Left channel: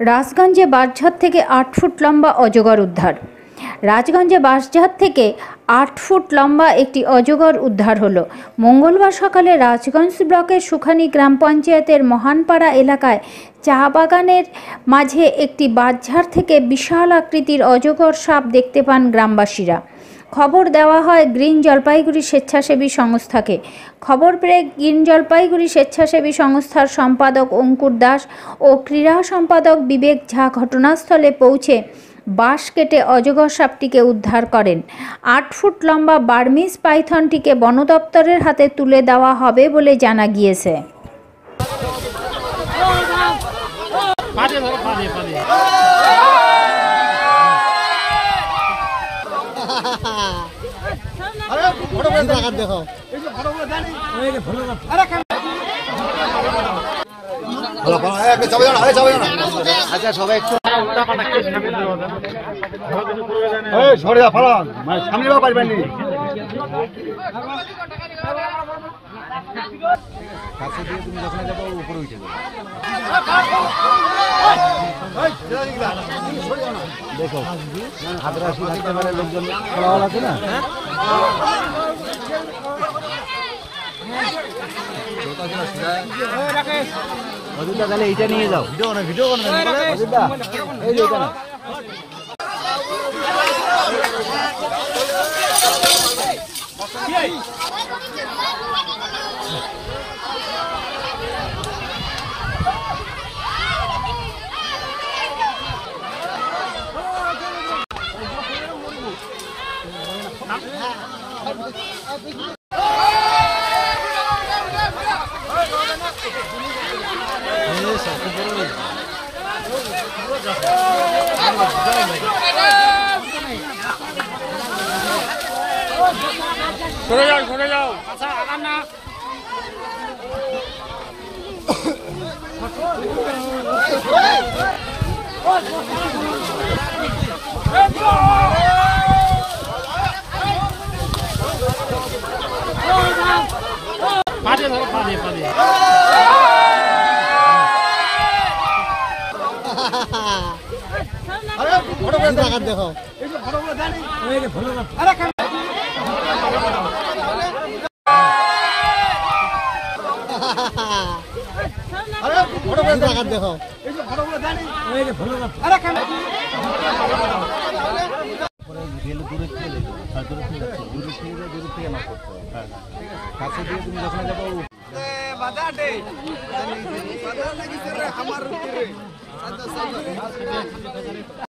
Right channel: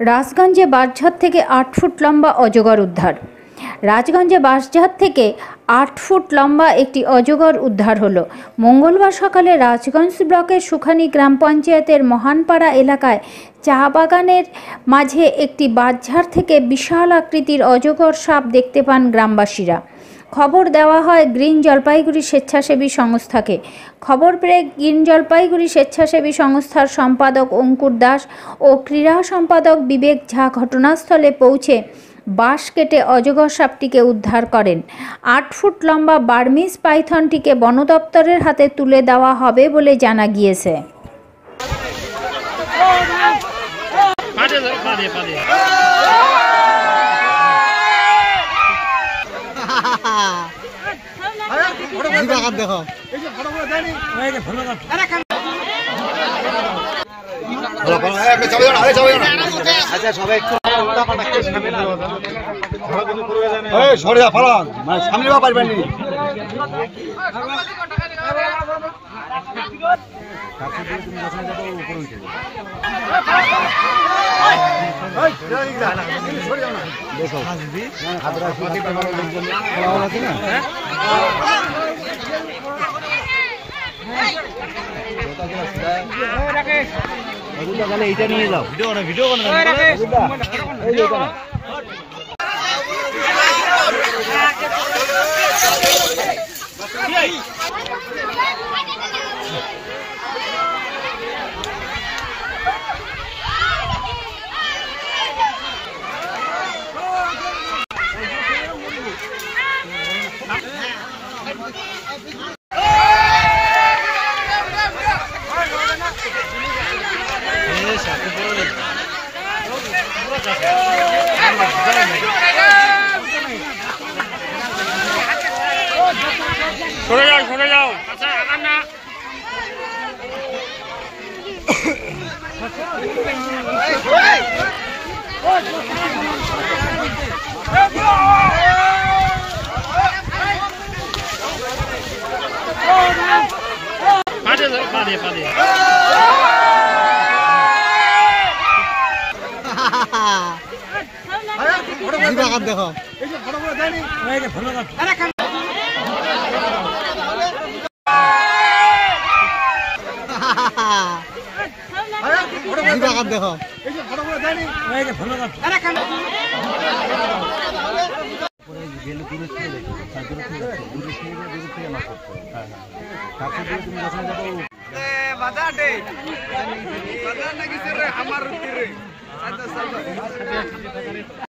রাজগঞ্জে বাঁশঝাড় থেকে ৮ ফুট লম্বা অজগর উদ্ধার। রাজগঞ্জে বাঁশঝাড় থেকে ৮ ফুট লম্বা একটি অজগর উদ্ধার হলো। মঙ্গলবার সকালে রাজগঞ্জ ব্লকের সুখানী গ্রাম পঞ্চায়েতের মহানপাড়া এলাকায় চা বাগানের মাঝে একটি বাঁশঝাড় থেকে বিশাল আকৃতির অজগর সাপ দেখতে পান গ্রামবাসীরা। খবর দেওয়া হয় গ্রিন জলপাইগুড়ি স্বেচ্ছাসেবী সংস্থাকে। খবর পেয়ে গ্রিন জলপাইগুড়ি স্বেচ্ছাসেবী সংস্থার সম্পাদক অঙ্কুর দাস ও ক্রীড়া সম্পাদক বিবেক ঝা ঘটনাস্থলে পৌঁছে বাঁশ কেটে অজগর সাপটিকে উদ্ধার করেন। ৮ ফুট লম্বা বার্মিজ পাইথনটিকে বন দপ্তরের হাতে তুলে দেওয়া হবে বলে জানা গিয়েছে। কাছে দিয়ে তুমি যখন যাবো উপরে উঠে যাবে। দেখো আদ্রাসি থাকতে পারে, লোকজন ফলাফল আছে না। তাহলে এইটা নিয়ে যাও। ভিডিও সরে যাও আচ্ছা আগাম না। দেখো দেখো কাছে দিয়ে তুমি যখন যাবো